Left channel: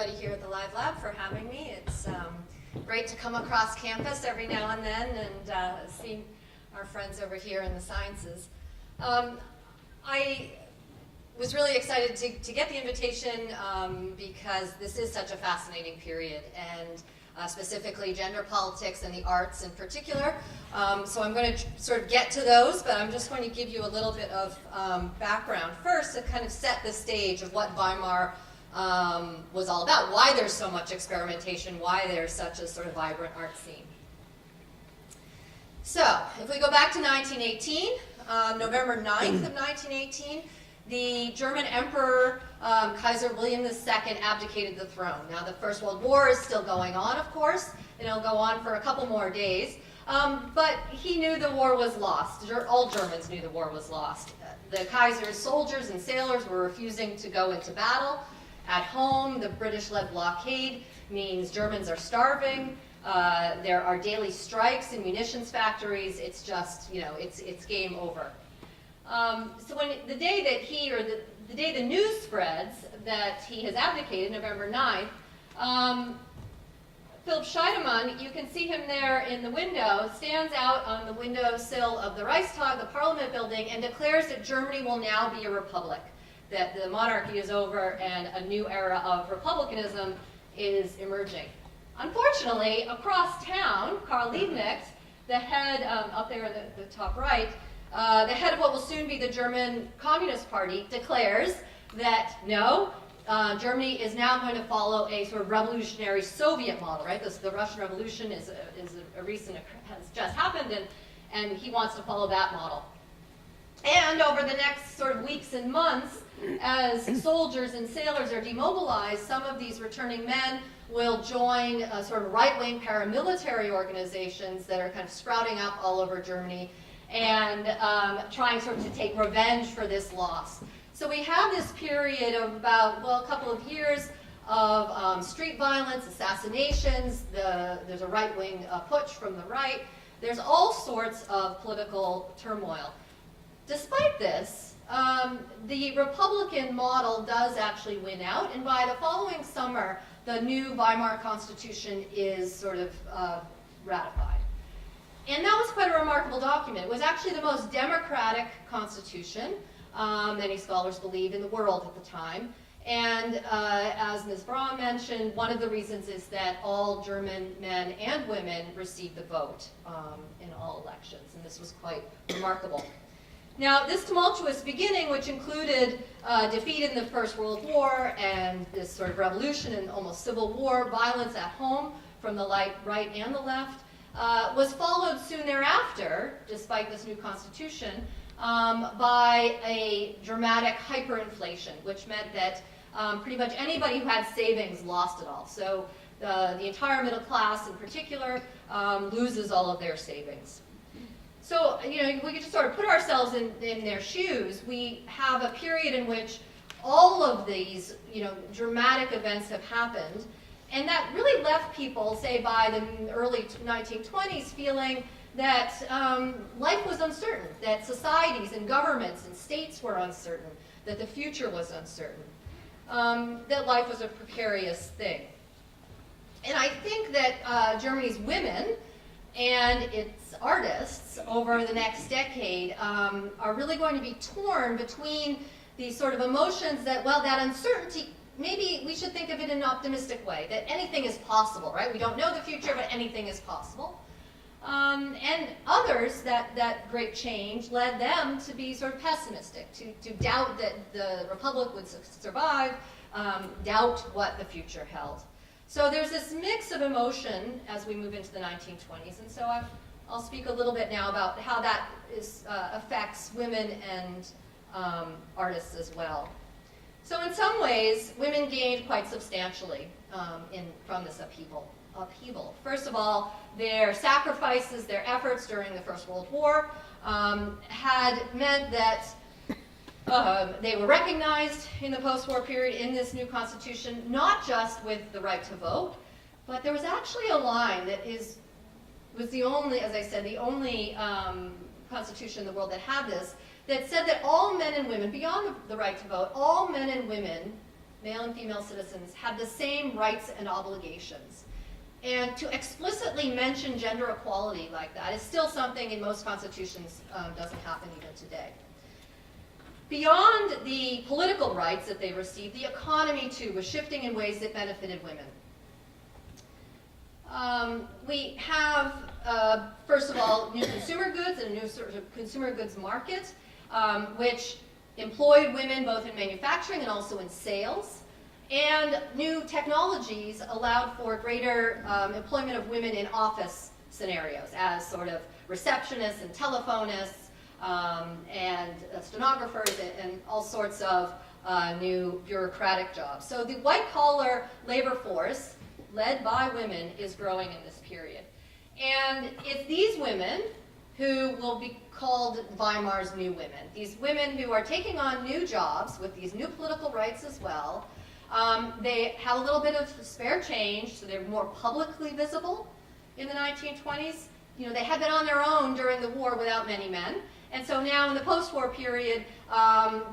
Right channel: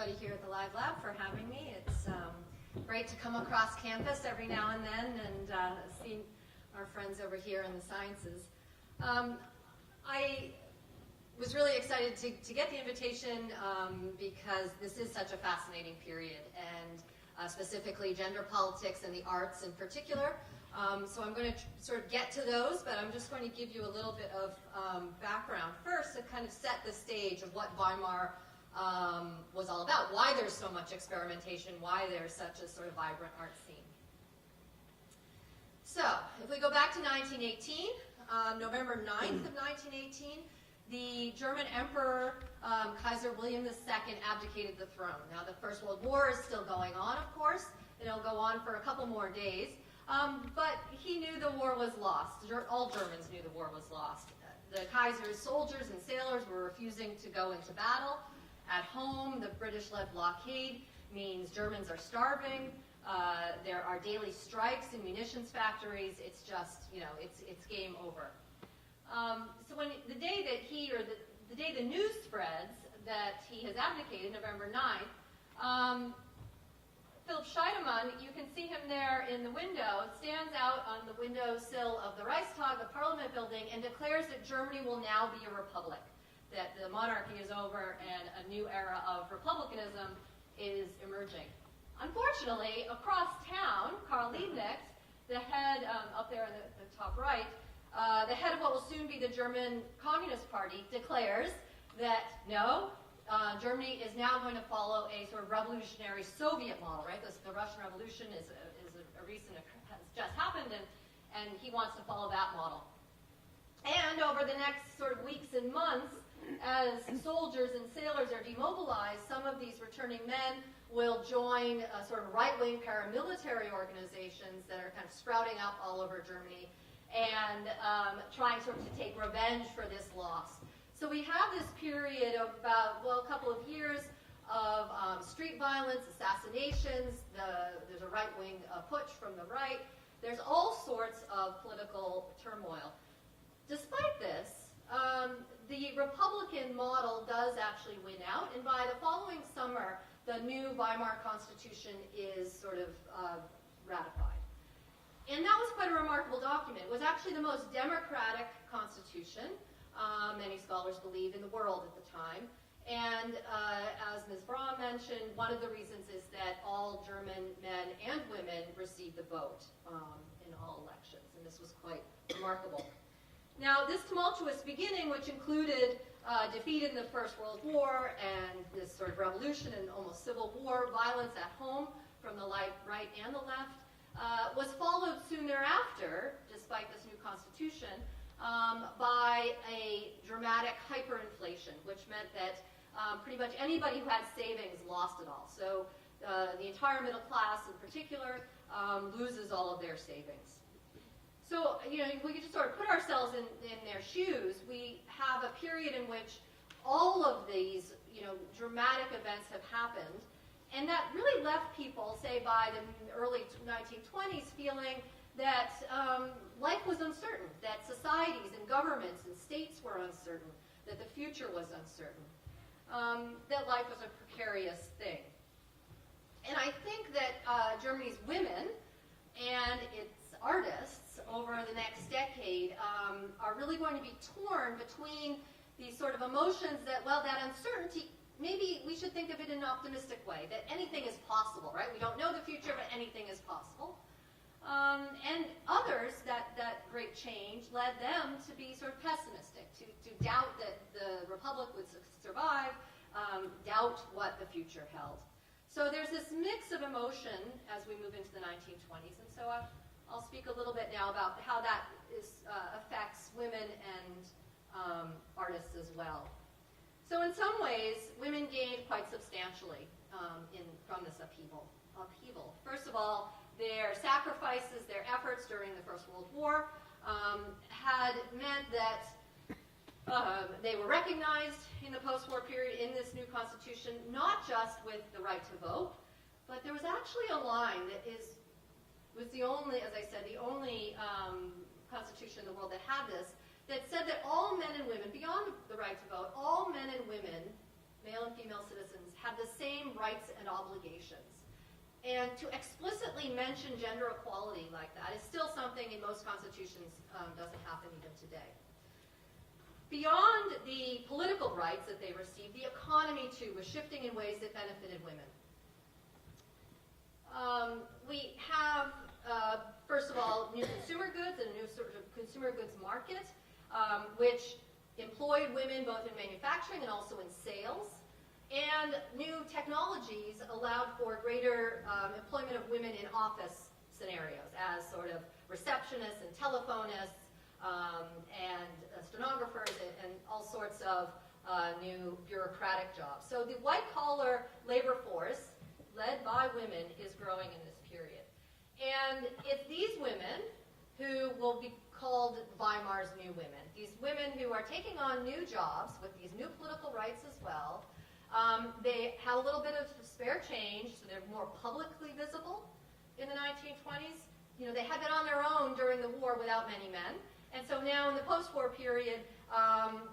everybody here at the Live Lab for having me. It's great to come across campus every now and then and see our friends over here in the sciences. I was really excited to get the invitation because this is such a fascinating period, and specifically gender politics and the arts in particular. So I'm going to sort of get to those, but I'm just going to give you a little bit of background first to kind of set the stage of what Weimar was all about, why there's so much experimentation, why there's such a sort of vibrant art scene. So, if we go back to 1918, November 9th of 1918, the German Emperor, Kaiser William II, abdicated the throne. Now, the First World War is still going on, of course, and it'll go on for a couple more days. But he knew the war was lost. All Germans knew the war was lost. The Kaiser's soldiers and sailors were refusing to go into battle. At home, the British-led blockade means Germans are starving. There are daily strikes in munitions factories. It's just, you know, it's game over. So when the day that the day the news spreads that he has abdicated, November 9th, Philip Scheidemann, you can see him there in the window, stands out on the windowsill of the Reichstag, the Parliament building, and declares that Germany will now be a republic, that the monarchy is over and a new era of republicanism is emerging. Unfortunately, across town, Karl Liebknecht, the head, up there in the top right, the head of what will soon be the German Communist Party, declares that no, Germany is now going to follow a sort of revolutionary Soviet model, right? The Russian Revolution is a recent, has just happened, and he wants to follow that model. And over the next sort of weeks and months, as soldiers and sailors are demobilized, some of these returning men will join sort of right-wing paramilitary organizations that are kind of sprouting up all over Germany and trying sort of to take revenge for this loss. So we have this period of about, well, a couple of years of street violence, assassinations, there's a right-wing putsch from the right. There's all sorts of political turmoil. Despite this, the Republican model does actually win out, and by the following summer, the new Weimar Constitution is sort of ratified. And that was quite a remarkable document. It was actually the most democratic constitution, many scholars believe, in the world at the time. And as Ms. Braun mentioned, one of the reasons is that all German men and women received the vote in all elections, and this was quite remarkable. Now, this tumultuous beginning, which included defeat in the First World War and this sort of revolution and almost civil war, violence at home from the right and the left, was followed soon thereafter, despite this new constitution, by a dramatic hyperinflation, which meant that pretty much anybody who had savings lost it all. So the entire middle class in particular loses all of their savings. So, you know, we could just sort of put ourselves in their shoes. We have a period in which all of these, you know, dramatic events have happened, and that really left people, say by the early 1920s, feeling that life was uncertain, that societies and governments and states were uncertain, that the future was uncertain, that life was a precarious thing. And I think that Germany's women and its artists over the next decade are really going to be torn between these sort of emotions that, well, that uncertainty, maybe we should think of it in an optimistic way, that anything is possible, right? We don't know the future, but anything is possible. And others, that great change led them to be sort of pessimistic, to doubt that the Republic would survive, doubt what the future held. So there's this mix of emotion as we move into the 1920s, and so I'll speak a little bit now about how that affects women and artists as well. So in some ways, women gained quite substantially from this upheaval. First of all, their sacrifices, their efforts during the First World War had meant that they were recognized in the post-war period in this new constitution, not just with the right to vote, but there was actually a line that was the only, as I said, the only constitution in the world that had this, that said that all men and women, beyond the right to vote, all men and women male and female citizens, had the same rights and obligations. And to explicitly mention gender equality like that is still something in most constitutions doesn't happen even today. Beyond the political rights that they received, the economy too was shifting in ways that benefited women. We have, first of all, new consumer goods and a new sort of consumer goods market, which employed women both in manufacturing and also in sales. And new technologies allowed for greater employment of women in office scenarios as sort of receptionists and telephonists and stenographers and all sorts of new bureaucratic jobs. So the white-collar labor force, led by women, is growing in this period. And it's these women who will be called Weimar's new women. These women who are taking on new jobs with these new political rights as well. They have a little bit of spare change, so they're more publicly visible in the 1920s. You know, they had been on their own during the war without many men. And so now in the post-war period,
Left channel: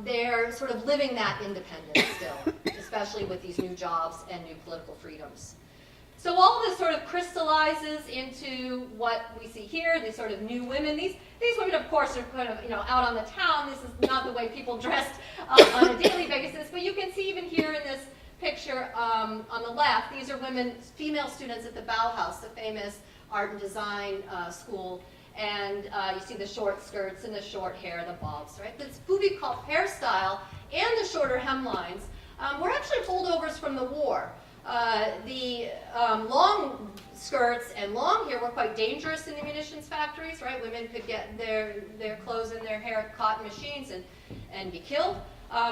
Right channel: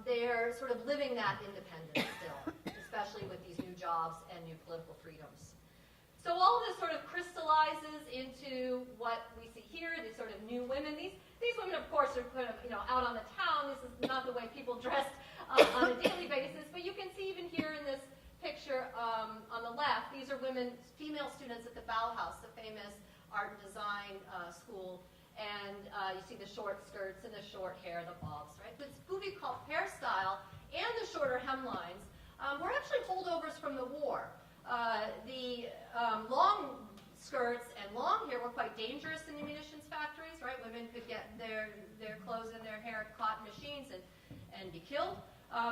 they're sort of living that independence still, especially with these new jobs and new political freedoms. So all of this sort of crystallizes into what we see here, these sort of new women. These women, of course, are kind of, out on the town. This is not the way people dressed on a daily basis, but you can see even here in this picture on the left, these are women, female students at the Bauhaus, the famous art and design school. And you see the short skirts and the short hair, the bobs, right? This Bubikov hairstyle and the shorter hemlines were actually holdovers from the war. The long skirts and long hair were quite dangerous in the munitions factories, right? Women could get their clothes and their hair caught in machines and be killed.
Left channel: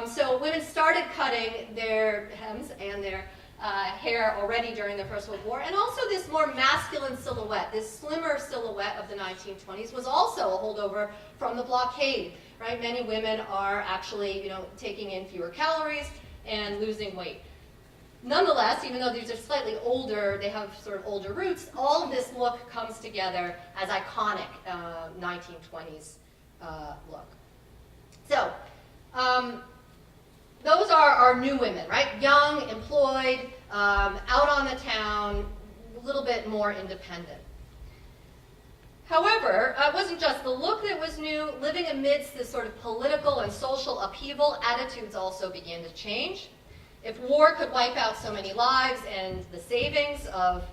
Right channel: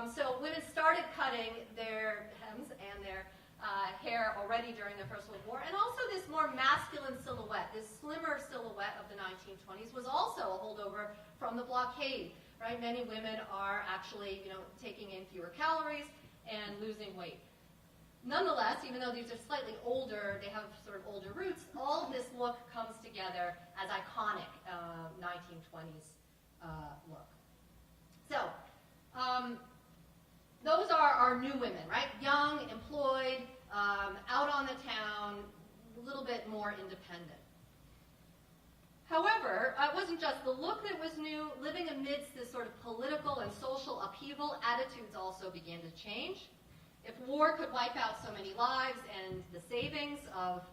So women started cutting their hems and their hair already during the First World War, and also this more masculine silhouette, this slimmer silhouette of the 1920s was also a holdover from the blockade, right? Many women are actually, taking in fewer calories and losing weight. Nonetheless, even though these are slightly older, they have sort of older roots, all of this look comes together as iconic 1920s look. So, those are our new women, right? Young, employed, out on the town, a little bit more independent. However, it wasn't just the look that was new. Living amidst this sort of political and social upheaval, attitudes also began to change. If war could wipe out so many lives and the savings of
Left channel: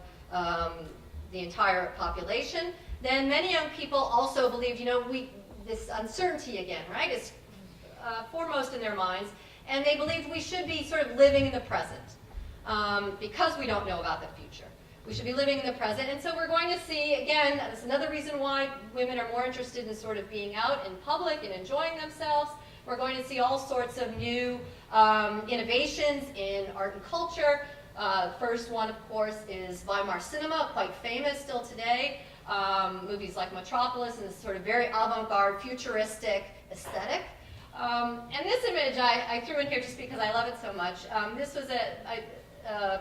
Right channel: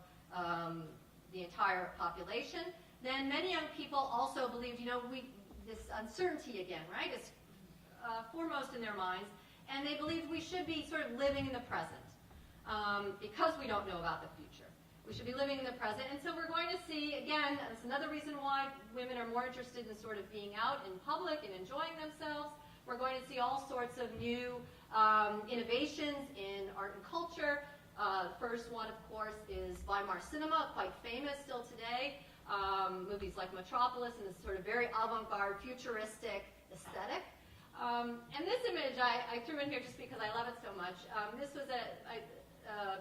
the entire population, then many young people also believed, this uncertainty again, right, is foremost in their minds, and they believed we should be sort of living in the present because we don't know about the future. We should be living in the present, and so we're going to see, again, that's another reason why women are more interested in sort of being out in public and enjoying themselves. We're going to see all sorts of new innovations in art and culture. First one, of course, is Weimar cinema, quite famous still today. Movies like Metropolis and this sort of very avant-garde, futuristic aesthetic. And this image I threw in here just because I love it so much. This was a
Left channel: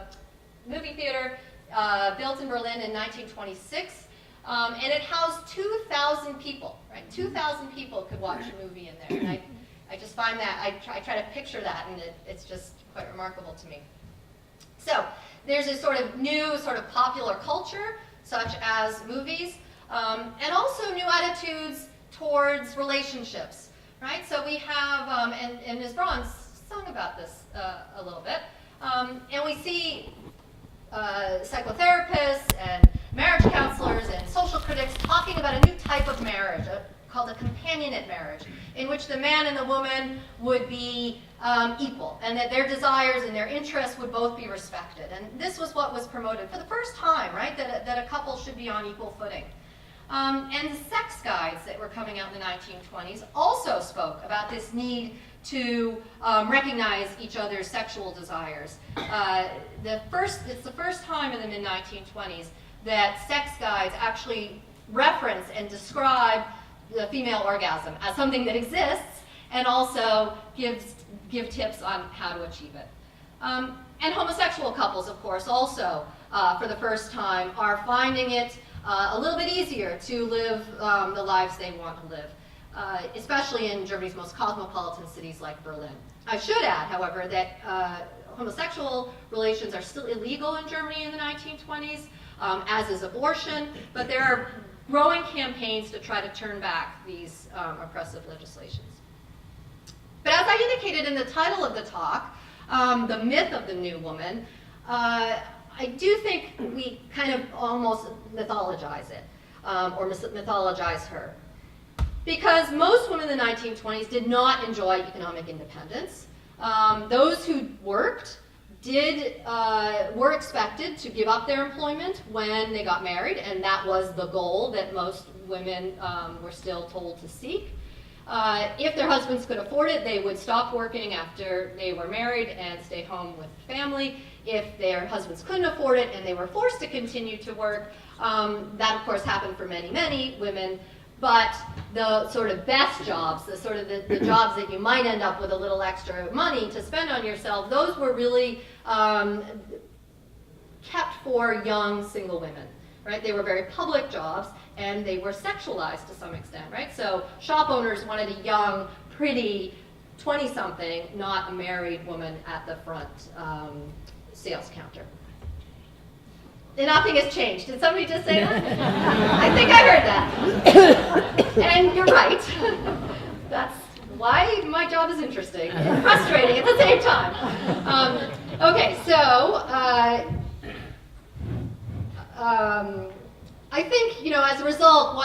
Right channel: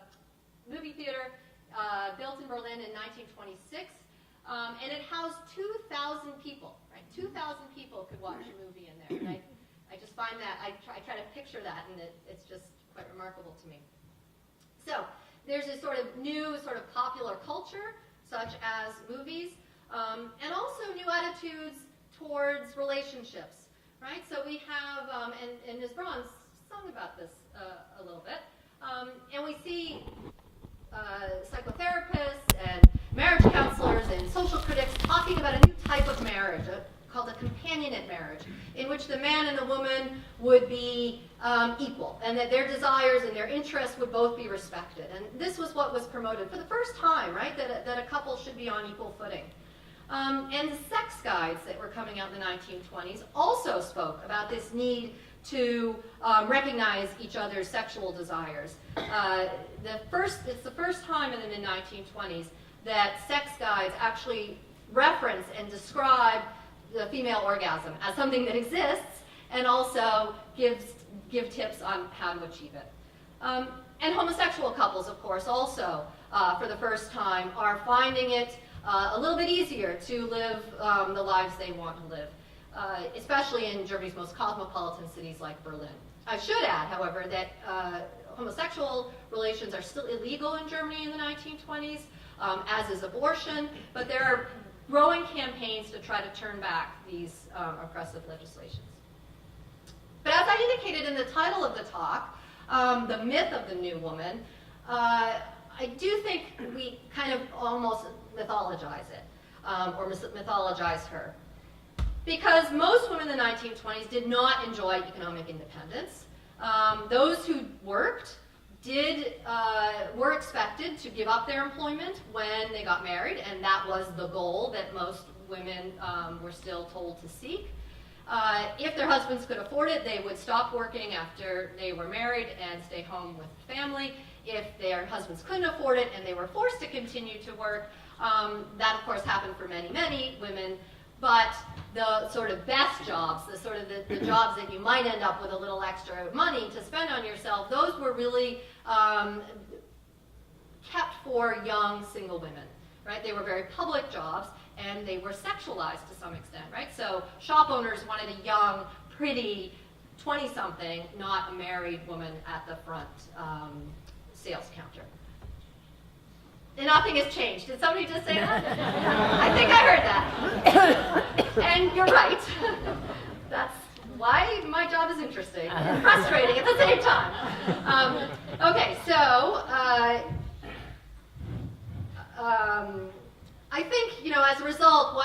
movie theater built in Berlin in 1926, and it housed 2,000 people, right? 2,000 people could watch a movie in there. And I just find that, I try to picture that, and it's just quite remarkable to me. So there's this sort of new sort of popular culture, such as movies, and also new attitudes towards relationships, right? So we have, and Ms. Braun sung about this a little bit, and we see psychotherapists and marriage counselors and social critics talking about a new type of marriage, called a companionate marriage, in which the man and the woman would be equal, and that their desires and their interests would both be respected. And this was what was promoted for the first time, right, that a couple should be on equal footing. And the sex guides that were coming out in the 1920s also spoke about this need to recognize each other's sexual desires. It's the first time in the mid-1920s that sex guides actually reference and describe the female orgasm as something that exists, and also give tips on how to achieve it. And homosexual couples, of course, also for the first time are finding it a little bit easier to live the lives they want to live. especially in Germany's most cosmopolitan cities like Berlin. I should add, however, that homosexual relations are still illegal in Germany in the 1920s, as is abortion, but there are growing campaigns to try to turn back these oppressive legislations. But as I indicated in the title of the talk, the myth of the new woman, I do think we kind of almost mythologize it, or mythologize her. Because most women in the 1920s did not enjoy economic independence. Those who worked were expected to give up their employment when they got married, and that was the goal that most women were still told to seek. If their husbands could afford it, they would stop working after they were married and stay home with the family. If their husbands couldn't afford it and they were forced to continue to work, that of course happened for many, many women. But the sort of best jobs, the sort of the jobs that you might end up with a little extra money to spend on yourself, those were really kept for young single women, right? They were very public jobs, and they were sexualized to some extent, right? So shop owners wanted a young, pretty 20-something, not a married woman at the front sales counter. And nothing has changed. Did somebody just say that? I think I heard that. And you're right. That's why my job is interesting and frustrating at the same time. Okay, so I think, as a result,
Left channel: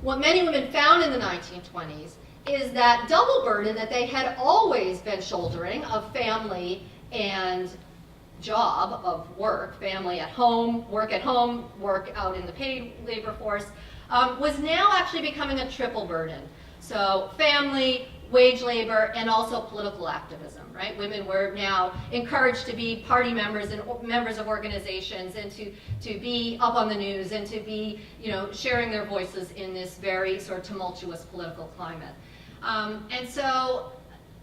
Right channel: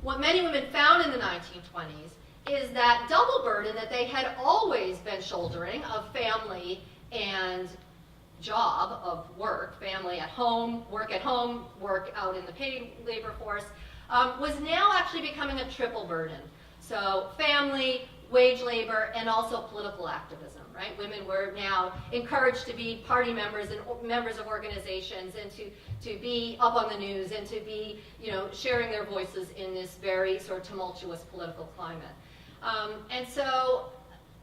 what many women found in the 1920s is that double burden that they had always been shouldering of family and job, of work, family at home, work out in the paid labor force, was now actually becoming a triple burden. So family, wage labor, and also political activism, right? Women were now encouraged to be party members and members of organizations, and to be up on the news, and to be, sharing their voices in this very sort of tumultuous political climate. And so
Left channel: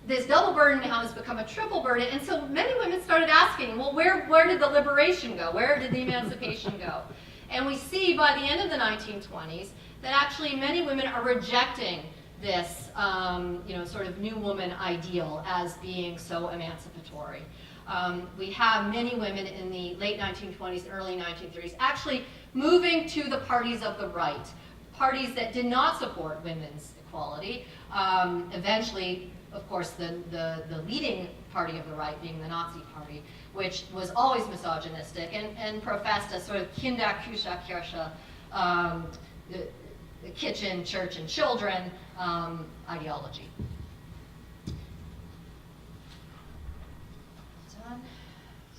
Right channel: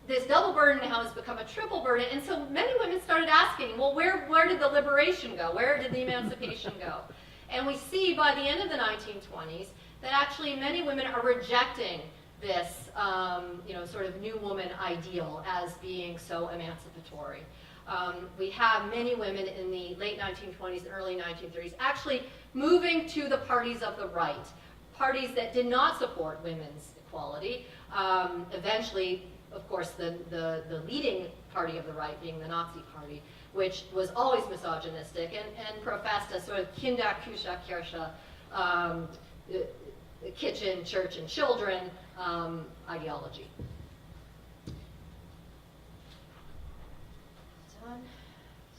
this double burden now has become a triple burden, and so many women started asking, well, where did the liberation go? Where did the emancipation go? And we see by the end of the 1920s that actually many women are rejecting this, sort of new woman ideal as being so emancipatory. We have many women in the late 1920s and early 1930s actually moving to the parties of the right, parties that did not support women's equality. Eventually, of course, the leading party of the right being the Nazi Party, which was always misogynistic and professed a sort of Kinder, Küche, Kirche, kitchen, church, and children ideology. Done.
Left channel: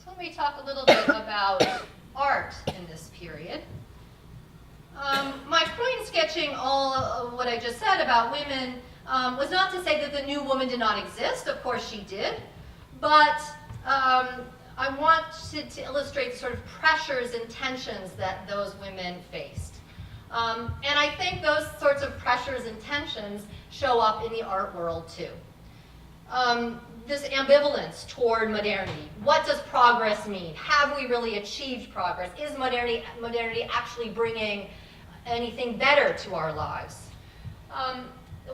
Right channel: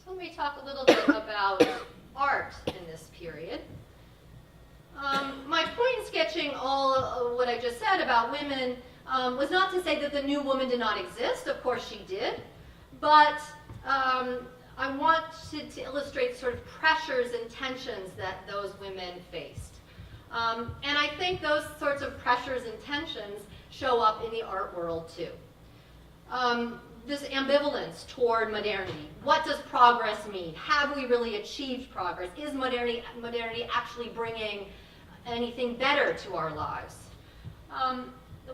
So let me talk a little bit about art in this period. My point in sketching all of what I just said about women was not to say that the new woman did not exist. Of course she did. But I wanted to illustrate the sort of pressures and tensions that those women faced. And I think those sorts of pressures and tensions show up in the art world too. This ambivalence toward modernity. What does progress mean? Have we really achieved progress? Is modernity actually bringing anything better to our lives?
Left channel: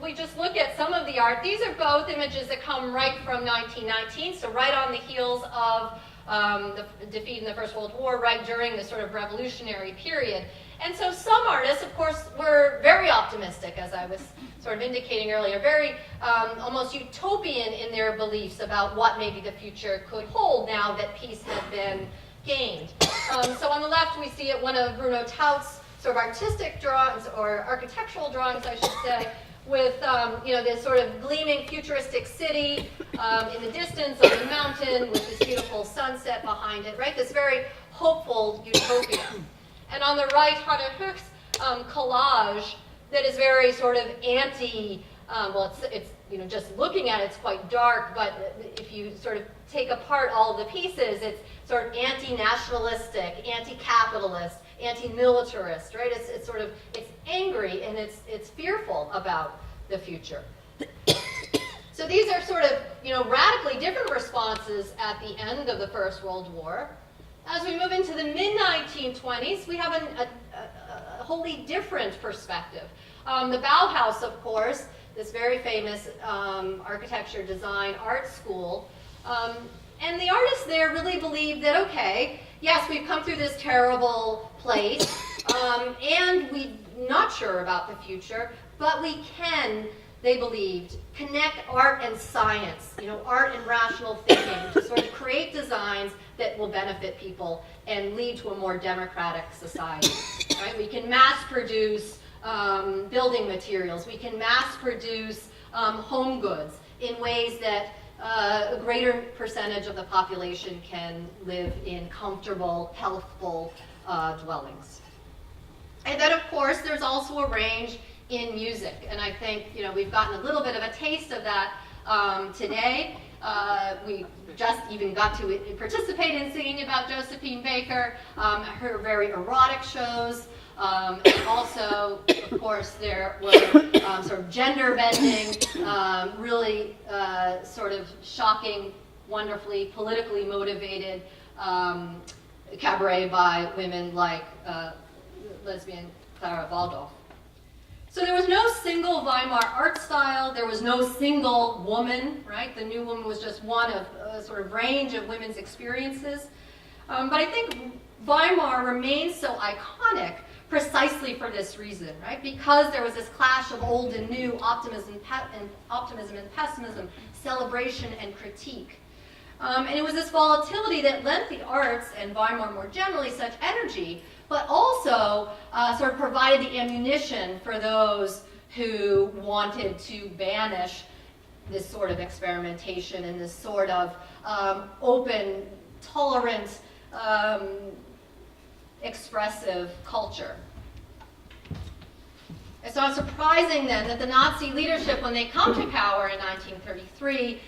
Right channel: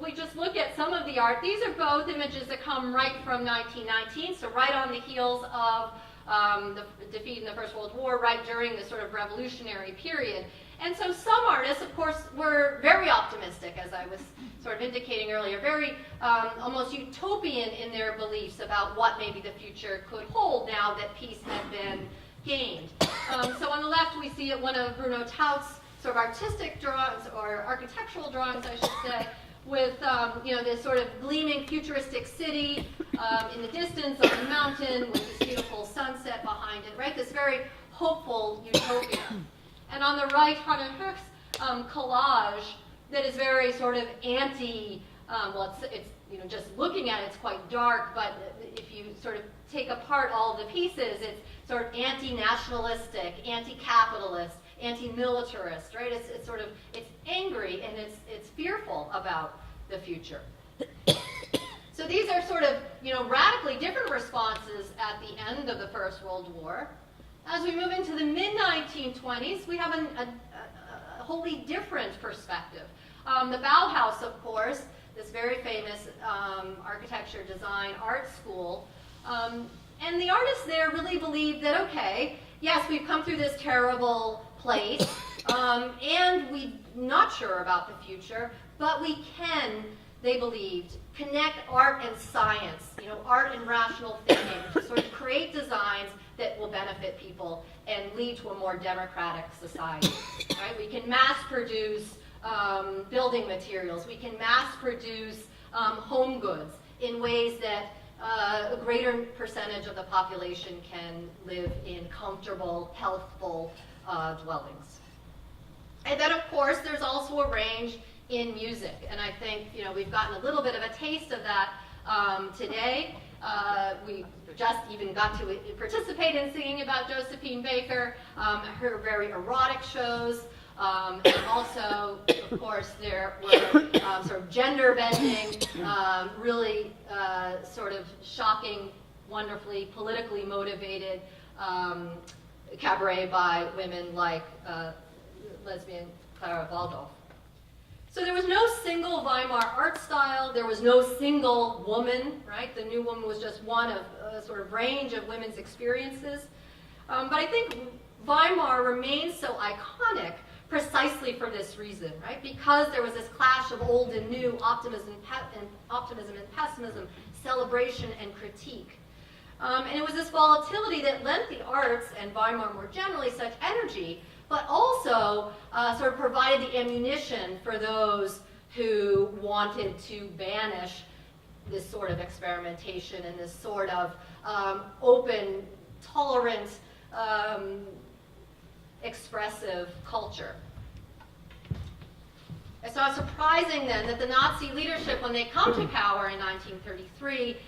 We just look at some of the art. These are both images that come right from 1919, so right on the heels of the defeat in the First World War, right during the sort of revolutionary period. And so some artists, of course, were very optimistic, as I was sort of indicating earlier, very almost utopian in their beliefs about what maybe the future could hold now that peace had been gained. So on the left, we see one of Bruno Taut's sort of artistic drawings, or architectural drawings, I should say, with this sort of gleaming futuristic city in the distance on the mountain with this beautiful sunset behind it, right? This very hopeful utopia. And on the right, Hannah Höch's collage that is very sort of anti, it's just looking at it, it's quite dark, but if you sort of take apart all the pieces, it's sort of anti-nationalistic, anti-capitalist, anti-militarist, right? It's sort of, it's angry and it's fearful about the future. So these are sort of, radically different responses at the end of the First World War. As we move into the mid-1920s, we have a wholly different perspective The Bauhaus, of course, this very famous architecture, design, art school. And the artists there really believed that, okay, yes, we've come through this terrible place, and we're not sure about the future, but we can, they believed, connect art and science, art and rational thinking, to sort of create designs that will benefit people and lead to a more democratic society. Right? We can mass produce building materials. We can mass produce home goods in ways that a greater percentage of the population can live in comfortable, healthful dwellings. And then, of course, there's also a range in music, and I think we've gotten a little bit of a taste of that today. We just even got to participate in singing about Josephine Baker, her very erotic shows, and also, of course, there were sort of gender-bending, really sort of shocking, wonderfully politically motivated cabaret by women like lesbian Clara Waldorf. So there was no single Weimar art style. There was no single woman, right? The new woman was just one of a sort of range of women's experiences. But I think Weimar remains so iconic precisely for this reason, right? Because there was this clash of old and new, optimism and pessimism, celebration and critique. And it was this volatility that lent the arts, and Weimar more generally, such energy, but also sort of provided the ammunition for those who wanted to banish this sort of experimentation and this sort of open, tolerant, expressive culture. It's not surprising then that the Nazi leadership, when they come to power in 1933,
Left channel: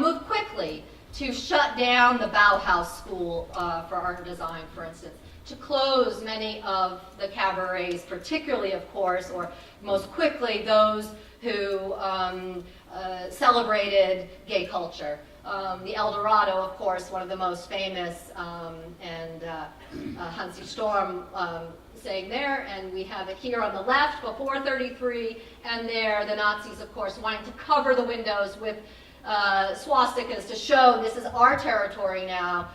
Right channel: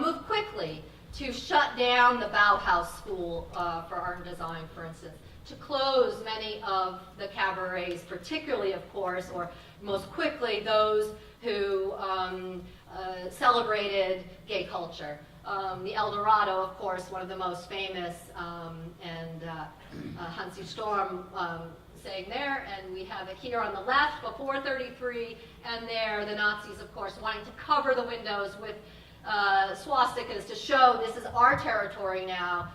moved quickly to shut down the Bauhaus School for Art and Design, for instance, to close many of the cabarets, particularly, of course, or most quickly, those who celebrated gay culture. The El Dorado, of course, one of the most famous, and Hansi Storm saying there, and we have it here on the left, before 33, and there, the Nazis, of course, wanting to cover the windows with swastikas to show this is our territory now.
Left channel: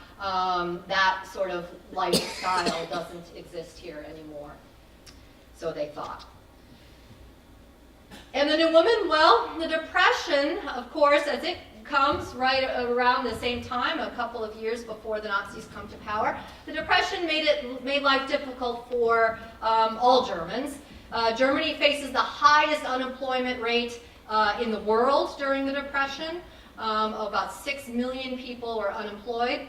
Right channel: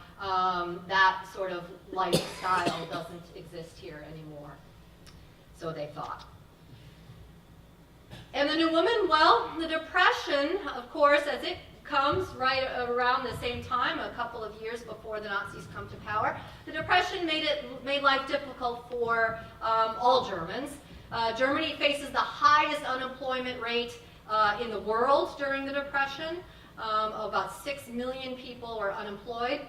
That sort of lifestyle doesn't exist here anymore. So they thought. And the new woman, well, the Depression, of course, as it comes right around the same time, a couple of years before the Nazis come to power, the Depression made life difficult for all Germans. Germany faces the highest unemployment rate in the world during the Depression. About 6 million people were unemployed.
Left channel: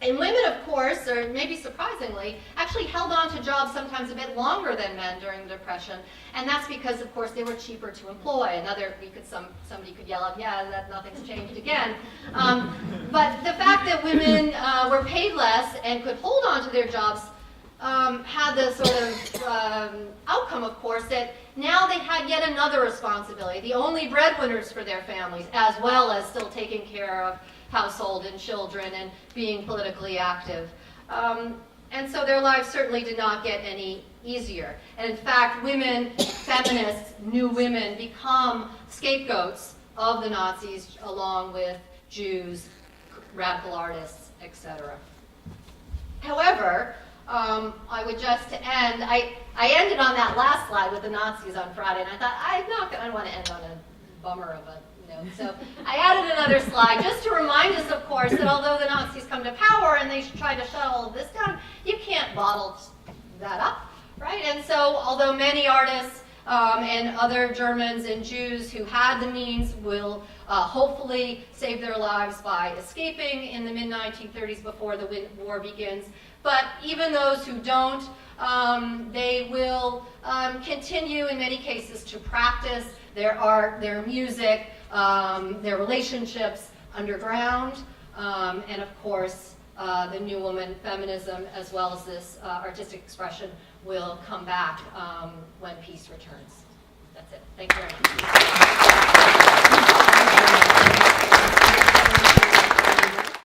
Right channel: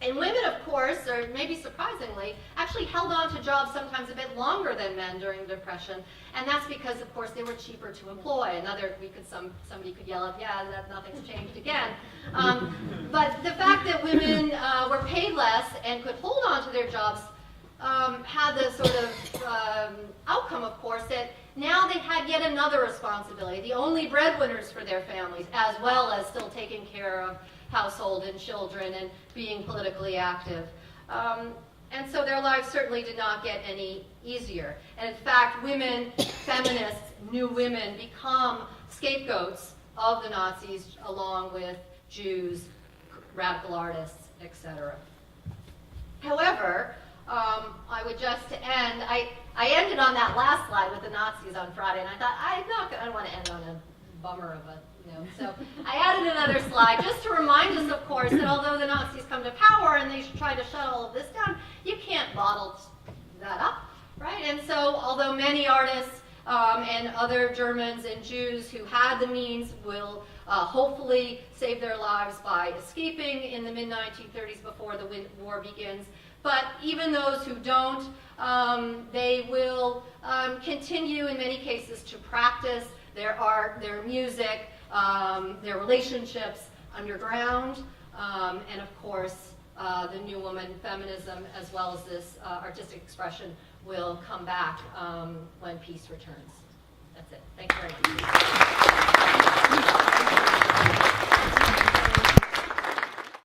And women, of course, or maybe surprisingly, actually held on to jobs sometimes a bit longer than men during the Depression, and that's because, of course, they were cheaper to employ. Somebody could yell out, "Yeah, that nothing's changed again." But the fact that women were paid less and could hold on to their jobs had the sort of outcome, of course, that now they had yet another responsibility, the only breadwinners for their families, as well as still taking care of household and children and being politically active. And so their lives certainly did not get any easier. And in fact, women, feminists, new women, become scapegoats of the Nazis along with Jews, radical artists, etc. However, I would just to end, I ended on that last slide with the Nazis on Friday, and I thought, I don't want to end on a bummer of a note. So I added another slide just to remind us, of course, that although the Nazis come to power and they try to shut all of this down, you can't bottle that up, right? And so although many artists and other Germans and Jews who had the means will hopefully save their lives by escaping in the mid-1930s before the war begins, but even those who don't, they will continue in many cases to practice their art, their music, their relationships underground, and of course the new woman feminism as well as this artistic expression will come back when peace returns. That's it. Thank you very much.